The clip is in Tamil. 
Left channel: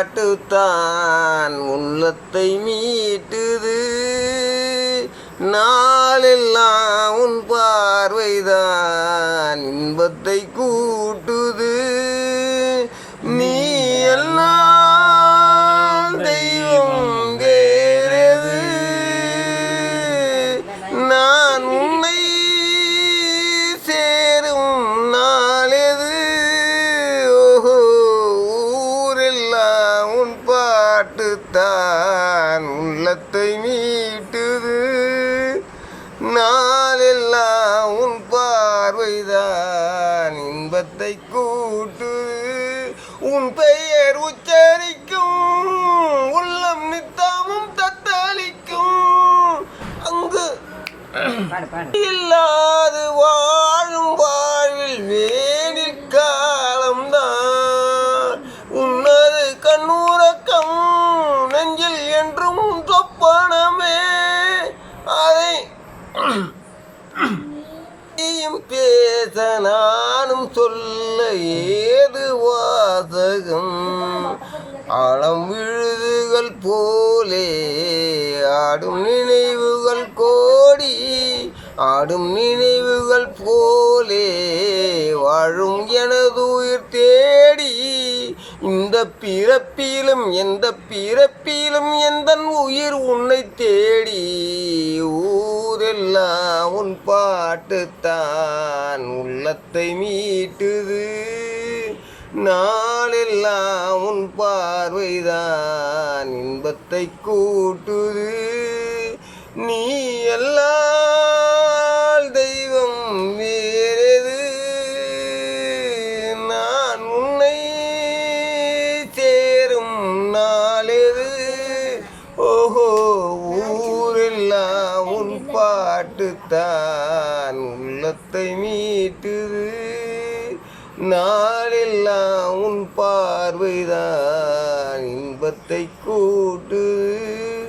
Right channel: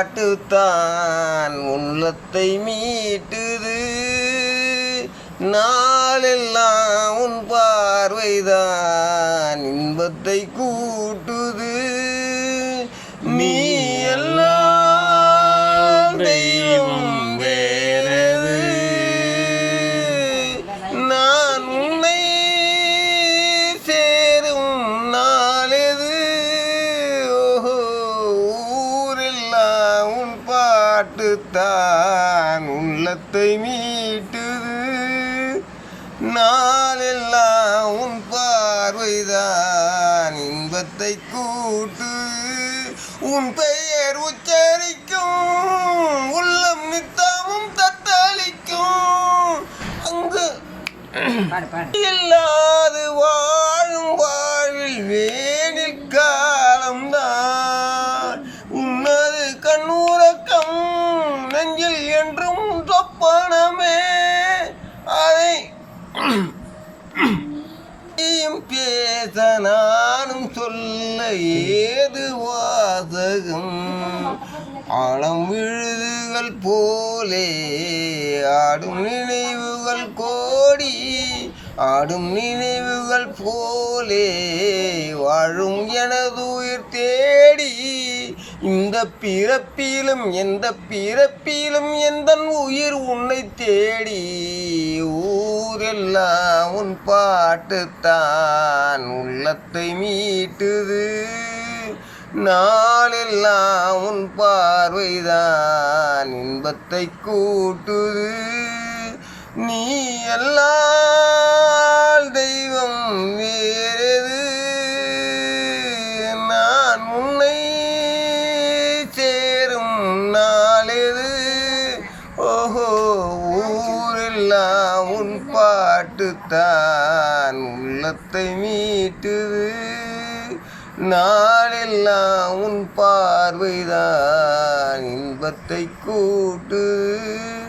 பாட்டுத்தான் உள்ளத்தை மீட்டுது. நாளெல்லாம் உன் பார்வைதான் இன்பத்தை கூட்டுது. பாட்டு தான் உள்ளத்தை மீட்டுது. நாளெல்லாம் உன் பார்வைதான் இன்பத்தை கூட்டுது. உன் பெயர் உச்சரிக்கும் உள்ளம் நித்தமும் தத்தளிக்கும். அங்கு இல்லாது வாழும் பேச நானும் சொல்ல ஏது வாசகம்? ஆழம் விழுதுகள் போலே ஆடும் நினைவுகள் கோடி ஆடும் நினைவுகள் போலே வாழும் எனது உயிர் தேடி இந்த பிறப்பிலும் எந்த பிறப்பிலும் எந்த உயிர் உன்னை தேடி எல்லாம் உன் பாட்டுத்தான் உள்ளத்தை மீட்டுது. நாளெல்லாம் உன் பார்வைதான் இன்பத்தை கூட்டுது. பாட்டு உள்ளத்தை மீட்டுது. நாளெல்லாம் உன் பார்வைதான் இன்பத்தை கூட்டுது.